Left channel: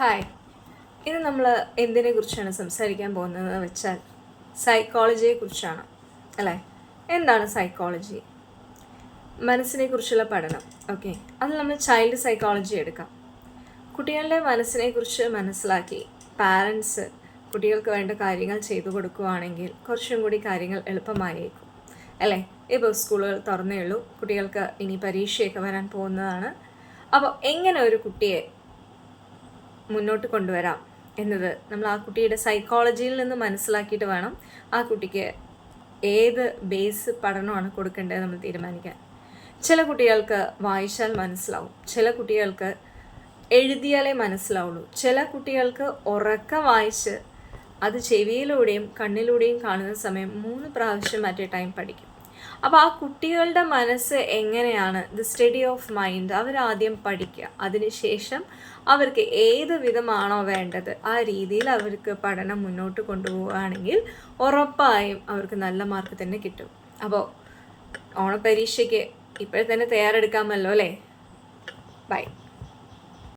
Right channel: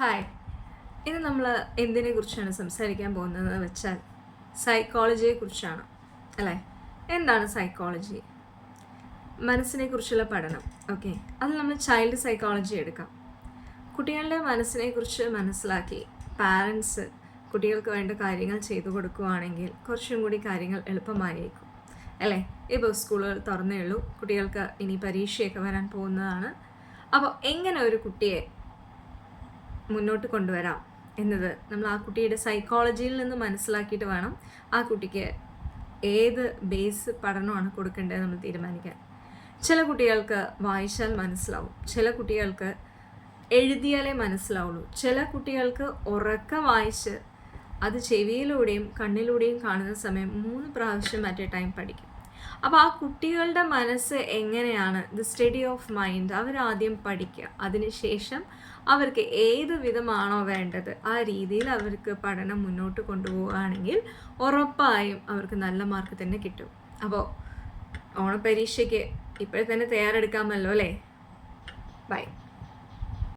Hi, ഇന്ന് നമ്മൾ എന്തിനെ കുറിച്ചാണ് സംസാരിക്കാൻ പോകുന്നതെന്ന് വെച്ചാൽ സൈക്കോളജിയെക്കുറിച്ചാണ് അല്ലേ. എന്താണ് സൈക്കോളജി? മനസ്സിനെ കുറിച്ചുള്ള പഠനം. ഓക്കെ, അത് നമ്മൾ ചൈൽഡ് സൈക്കോളജി എടുക്കാം. കുട്ടികളുടെ മനസ്സിനെ കുറിച്ച് മനസ്സിലാക്കി പാരൻസ് കുട്ടികൾക്ക് വേണ്ട കാര്യങ്ങൾ ചെയ്തു കൊടുക്കുകയാണെങ്കിൽ കുറച്ചും കൂടി കാര്യങ്ങൾ എളുപ്പമായിരിക്കും അല്ലേ. ഇപ്പോൾ സ്കൂളുകൾ തുറന്നേ ഉള്ളൂ, കുട്ടികൾക്ക് ഇനി പരീക്ഷയൊക്കെ വരാൻ പോകുന്നതാണ്. അപ്പോൾ എങ്ങനെ ഒരു കുട്ടിയെ മുന്നോട്ട് കൊണ്ടുവരാം എന്നത് നമ്മൾ ആ കുട്ടിയുടെ സൈക്കോളജിയിൽ നിന്ന് മനസ്സിലാക്കിയിട്ട് വേണം ആ കുട്ടിക്ക് ഏത് ബേസ് പഠനമാണ് കൊടുക്കേണ്ടത് നമ്മൾ തീരുമാനിക്കാൻ. ചില കുട്ടികൾക്ക് വായിച്ചാൽ മനസ്സിലാവും, ചില കുട്ടികൾക്ക് എഴുതിയാലേ മനസ്സിലാവുള്ളൂ, ചില കുട്ടികൾക്ക് ഉറക്കം വായിച്ച് അത് ചെവിയിലൂടെയും കണ്ണിലൂടെയും കാണുന്ന സമയം 3 പ്രാവശ്യം അറ്റ് എ ടൈം പഠിക്കും. അപ്പോൾ ആ കുട്ടികളുടെ മനസ്സ് എങ്ങനെയാണ്, ദി സ്റ്റഡി ഓഫ് മൈൻഡ് അവരാദ്യം പഠിക്കുക. അതിനുശേഷം അവർക്ക് ഏത് വിധമാണോ വേണ്ടത് ആ രീതിയിൽ അവർക്ക് പഠനം മുന്നോട്ട് കൊണ്ടുപോവുകയാണെങ്കിൽ ഉറപ്പായും അവർക്ക് നല്ല മാർക്ക് തന്നെ കിട്ടും. അപ്പോൾ ഓണപ്പരീക്ഷയ്ക്ക് ഇപ്പോഴത്തന്നെ തയ്യാറെടുക്കാമല്ലോ അല്ലേ. ബൈ.